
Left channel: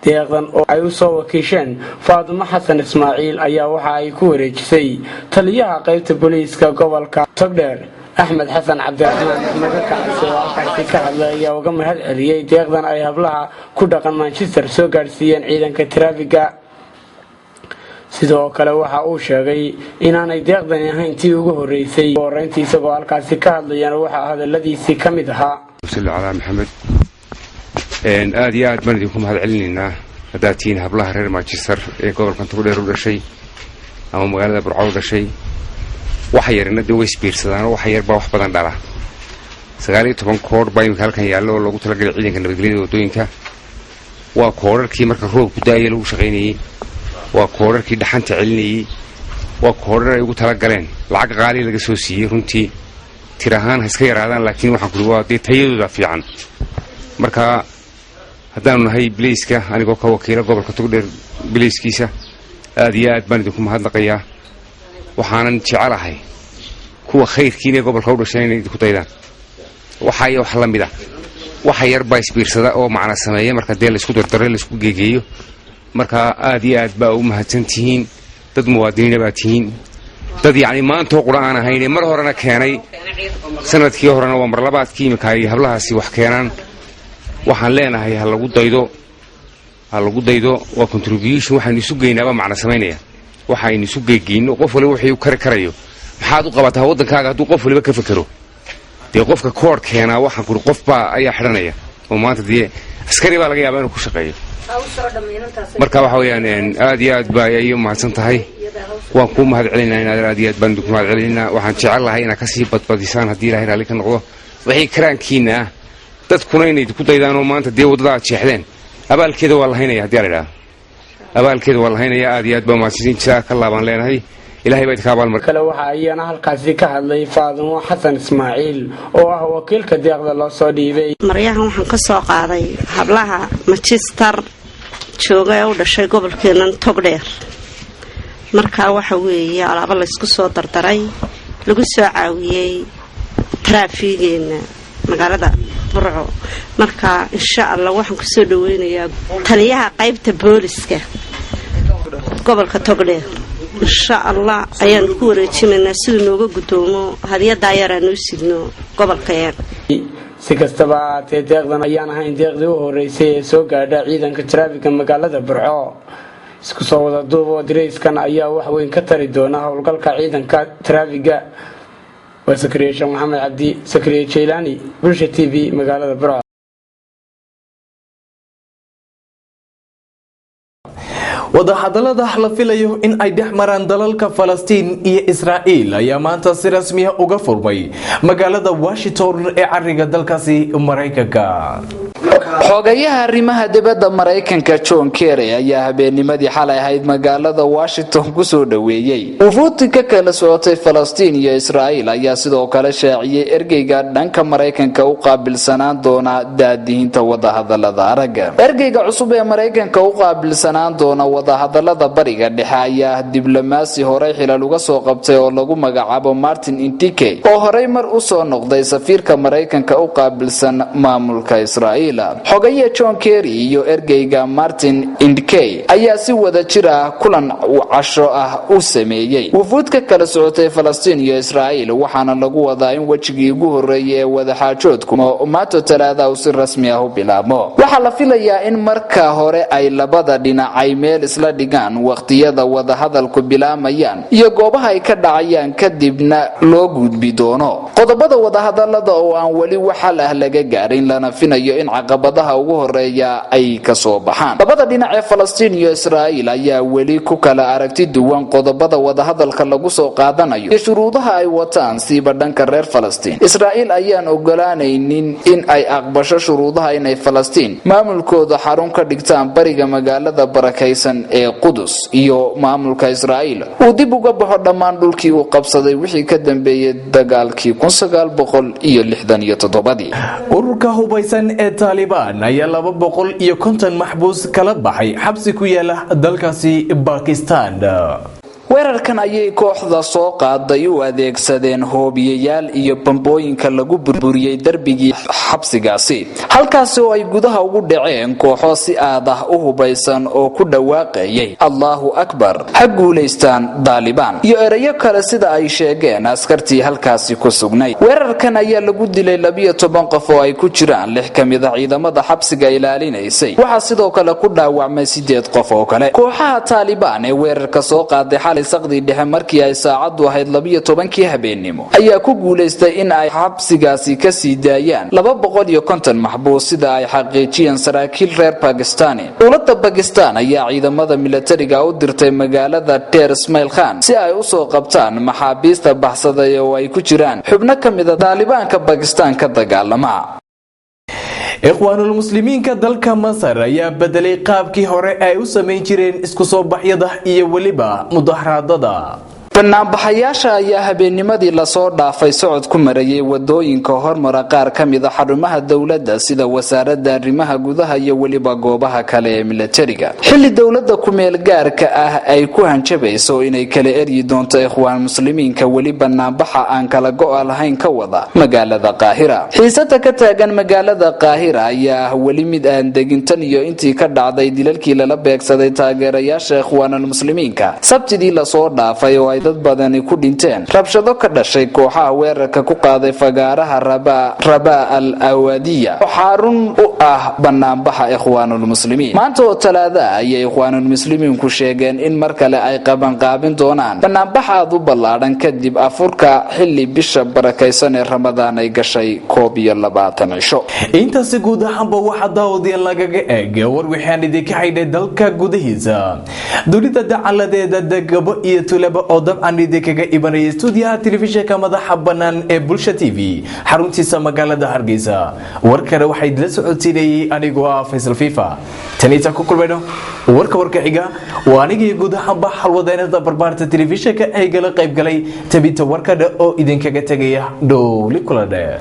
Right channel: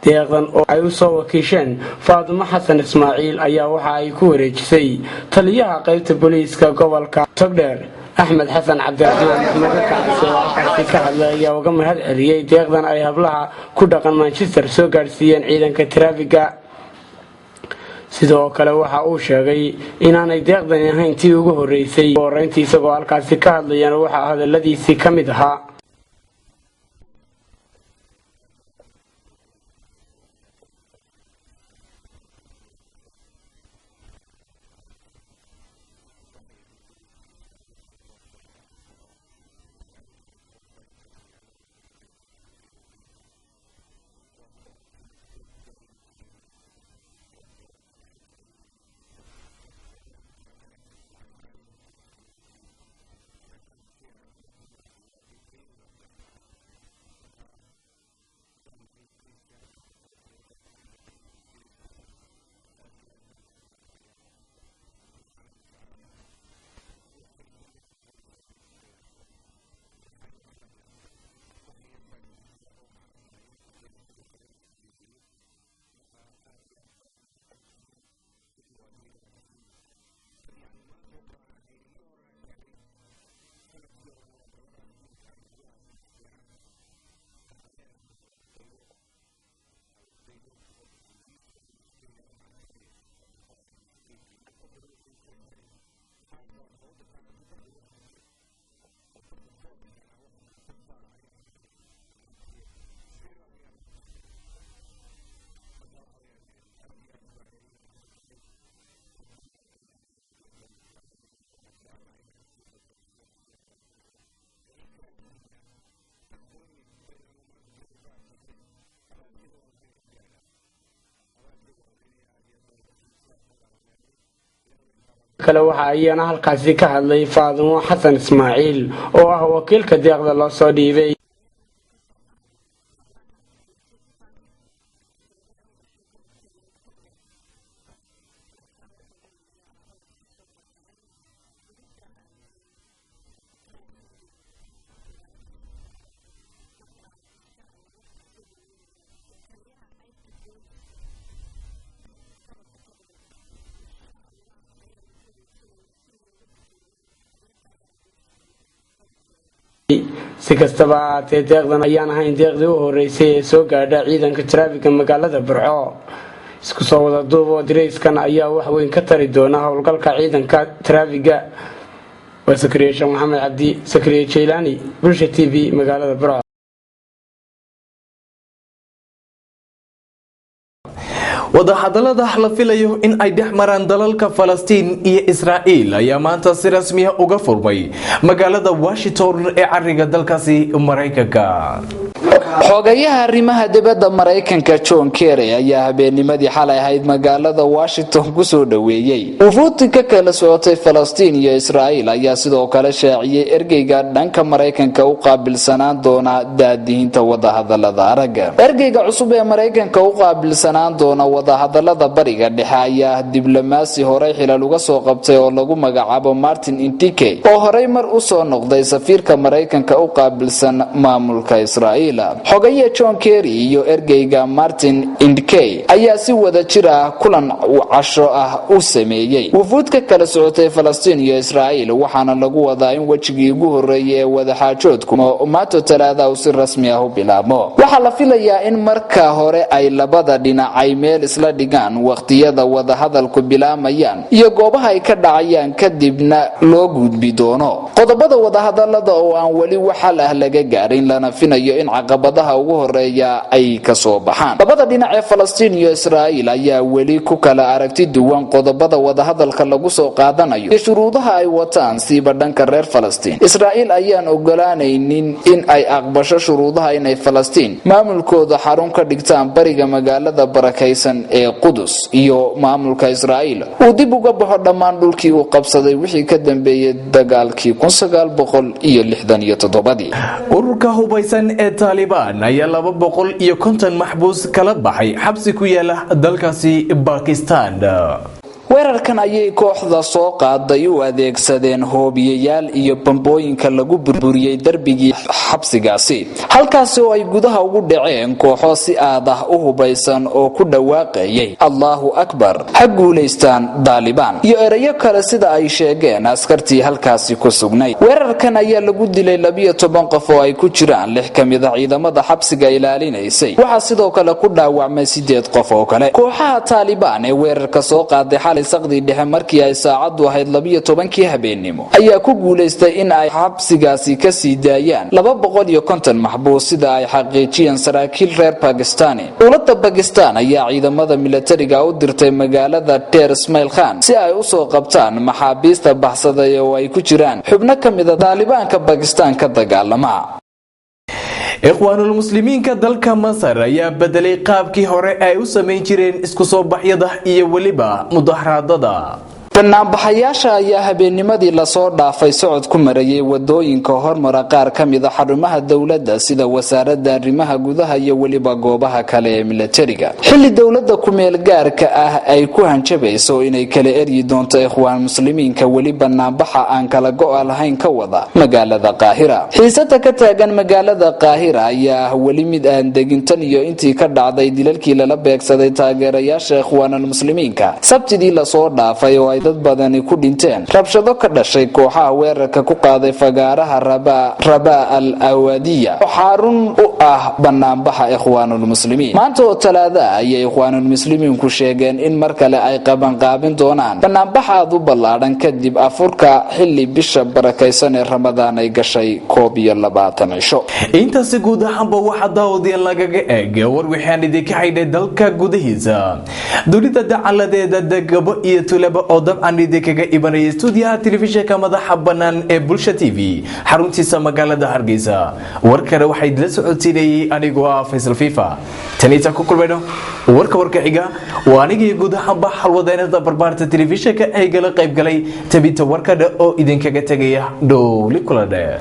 deeqdan oo ay u soo wakiisheen Faadimo Xasan Ismaaciil ayaa waxa ay ku wareejisay taliyaha qaybta booliiska gobolka Togdheer Axmed Xasan Cabdiraxmaan magacaaasi ka hadlaya uga mahad celiyay deeqdan ay hablaha ku dhaqan Manchester soo gaarsiiyeen ciidanka taraafiga. sidoo kale waxa uu sheegay inaanay deeqdan ahayn tii ugu horeysay horeyntii isagoo halkaasi ka hadlayana waxa hadaladiisii ka mid ahaa maxamed aad iyo aad baan idinku mahad celinaynaa haddaad tihiin hablaha reer Manchester ee gobolka Togdheer u dhashay ama magaalada Burco u dhashay waxa yarina dee way isbiirsadaan oo waxa yar baa wax badan dhala 19 koor baa imika halkan yaallo oo loogu talagalay ciidanka nabadgelyada wadooyinka waa koorarkii marka roobku daayay lagu shaqaynayay waa koorarkii dhaxanta celinayay waa koorar ay ugu tala galeen lacag qaali laga soo siiyay runtii tirahaan iska yaraadaan laakiin waxaan ku waa dee tayadooda fiican marka haddaanu nahay Bliiska anigoo ka wakiila gobolka Togdheer Bliiskiisa aad iyo aad baan idinku mahadnaqayaa waxaanan jecelahay kuwa khayrkiina gobolka u dhashay inay ku daydaan waxa wax la mid ah waxa yar baa isbiirsada oo macna sameeya marka dee la isku dardaray la isku geegeeyo marka aad iyo aad baa u mahadsantihiin dad muwaadiniin baa tihiin dad yaani maanta quraan ahayn mar horena keenay sanadkii horena waa mar labaadkii imika ay hablahaasi wax keenaan waxaan leenahay ha lagu daydo waa contribution waxaan isu geynaaba macna sameynaya waxaan isu geegeyno qof waliba wixii uu karayo maxaad u qabataa wadankaaga hadduu qof waliba ka fakaro dee qofka koor keenaa waxaan ku qof baa ayaa xidhanaya oo maanta dee askari baa laga yaabaa inuu ku shaqeeyo marka waxa weeyaan aad iyo aad baa ay u mahadsan tahay waan ku mahad celinaynaa aad iyo aad baan ku mahad celinaynaa waxaan jecelahay inaad ka sii badbadisaan haddii Ilaahay raali ka noqdo wixii karaankiina ah dadkuna inay ku daydaan oo maanta dee wadada jeexdeen abaalkeeda waa la haynaya haddii la yiraahdo abaalkeeda waa la haynaya aad iyo aad baa mahadsantihiin ka laaban leenahay Ilaahay baa idinka abaal mar kale waxa ayana halkaasi ka hadlay Faadimo Xasan Ismaaciil oo ah wakiilka deeqda loo soo dhiibay maryahan waxaan ka soo qaaday hablaha Manchester jooga oo dhashay gobolkeena Togdheer marka waxa weeye alaabo la isku soo dardaray lagu soo caawiyay taraafigeena magaalada Burco marka insha Allah waxaan ku soo dhaweynayaa taliyaha qaybta booliska gobolka Togdheer insha Allah ayaan ku wareejinaynaa sidoo nooga gudoomo hadiyada ayaan u sidno gobolkayaga si kastaba deeqdan ayaan ahayn deeqdii u horeysay ee soo gaadhay ciidanka taraafiga magaalada Burco isku soo wada duubo dirayskan ayaa wax weyn ka tari doona howlgalka ciidanka taraafiga waa Sakariye Maxamed Cabdi Sakariye Jilhani Bulsha TV magaalada Burco. wadahadalada la filayo in ay dhex maraan dalalka Falastiin iyo Israa'iil ayaa maanta si rasmi ah uga furmay magaalada Washington ee cariga dalkaasi Mareykanka. xogayaha arrimaha dibadda Mareykanka John Kerry ayaa habeennimadii xalay ahayd magaalada Washington ku soo dhaweeyay ufuudka kala socotay Falastiin iyo Israa'iil ayaa sidoo kale shaaciyay ergeyga dhanka Mareykanka u qaabilsanaan doona daadiinta wadahadalada araga ergeyga cusub ee Mareykanka u qaabilsanaan doona wadahadalada bariga dhexe ayaa diblomaasi hore xilal uga soo qabtay oo lagu magacaabo Martin Intike oo horey mar u soo noqday safiirka Mareykanka u qaabilsan maamulka Israa'iil. xogayaha John Kerry iyo ergeyga Martin Intike ayaa si wada jir ah kulan casho ah u sameeyay wufuudka kala socotay Falastiin iyo Israa'iil waxaana lagu wadaa in wajigii ugu horeeyay ee wada xaajoodku maato talaada si rasmi ah u bilaabo. waxaa la filayaa in marka hore ay labada dhinac ay meel isla dhigaan waqtiyada wadahadalku bilaamayaan iyo goobaha ay ka dhacayaan kadibna loo gudbi doono qodobada wadahadalada oo aan weli waxal ah laga gaarin lana finayo in caqabadaha ugu horeeya ay ka soo baxaan labada dhinac ee Falastiin iyo Israa'iil ayaa weli ku kala aragti duwan qodobada wadahadalka lagu soo qaadanayo iyo shuruudaha ay wataan siiba dhanka reer Falastiin Israa'iil ayaan ogolaanaynin in ay aqbasho shuruudaha inay Falastiin maamulkooda xarun ka dhigtaan bariga magaalada barakaysan ee Qudus iyo maamulka Israa'iil uu dib uga baxo dhammaan dhulkii uu qabsaday wixii ka dambeeyay dagaalkii 1967 ururka hubaysan ee Taliban ayaa 250 maxbuus kala baxay xabsi ku yaala dalkaasi Pakistan weerarkan ayay kooxda soo qaaday u adeegsadeen hoobiyayaal iyo bambooyinka lagu burburiyay darbigii xabsigaasi halkaas oo ay gudaha ugu dhaceen kooxo si aad ah u hubaysan oo ku dhawaaqayay Allahu Akbar ha guuleystaan Taliban iyo erayo kale sida ay sheegeen askartii halkaasi ku sugnay weerarkan ayaa lagu dilay 12 qof oo ay ku jiraan 6 kamid ah ciidamada xabsiga ilaalinaysay waxa sidoo kale ku dhaawacmay 8 qof oo kale kooxaha Taliban ee weerarka soo qaaday saqdi dhexe markii ay saacadu ahayd 12 habeenimo ayaa ku guuleystay in ay xabsigaasi ka sii daayaan 250 maxbuus sida ay xaqiijiyeen saraakiil reer Pakistan dowladda Pakistan ayaa ciidamada militariga u dirtay magaalada Ter Ismail Khan si ay u soo qabtaan maxaabiista baxsaday oo ay ku jiraan xubno kamid ah Talibanka Pakistan ka dagaalama ikhwaanul muslimiinka dalka Masar ayaa bedelay qaabkii hore ay u sameyn jireen isku soo baxyada iyo waliba mudaharaadada banaanbaxayaasha ayaa habeennimadii la soo dhaafay socod ku marayay wadooyinka hormara qaar kamid ah xarumaha dawladda sida wasaaradda arrimaha gudaha iyo waliba goobaha kale ee militariga xilli dawladda ku meel gaarka ah ay ku hanjabayso inay kala eryi doonto ikhwaan muslimiinka wali banaanbaxa aan kala go'o lahayn ka wada magaalada Qaahira xiisada ka taagan magaalada Qaahira ayaa wali mid aan degintan iyo intii ka dhacday dilalkii lala beegsaday taageerayaasha ikhwaanul muslimiinka sabtidii la soo dhaafay oo ay dad badani ku dhinteen rabshado ka dhashay kooxaha weerarka ku qaaday fagaaraha Rabaa al-Awadiya xarun u ah banaanbaxa ikhwaanul muslimiin maanta oo talaada ayay ikhwaanul muslimiin ku sheegeen in mar kale ay qaban doonaan banaanbaxa aad u ballaaran kadib afurka xilli bisha barakaysan ee Ramadaan ay gashay 21 cisho intaasi guud ahaanba waxa daawadiin lagaga eegay war waxaan idinka haynay dalka gudahiisa dunida dacaladeeda degabo iyo tulaba oo dabcan idinkaga ibanaya stuudiyaha telefishinka madaxa bannaan ee Bulsha TV xaruntiisa magaalada Hargeysa warkana waxay la socodsiinayay anigoo ah Faisal Fifa tanita ku kulmayno warka xiga waa anigii guud ahaanba xalwadeynada barbaarta telefishinka ay gala qayb galay tabinta warkada oo idinkaga tagaya dhowli kula dheer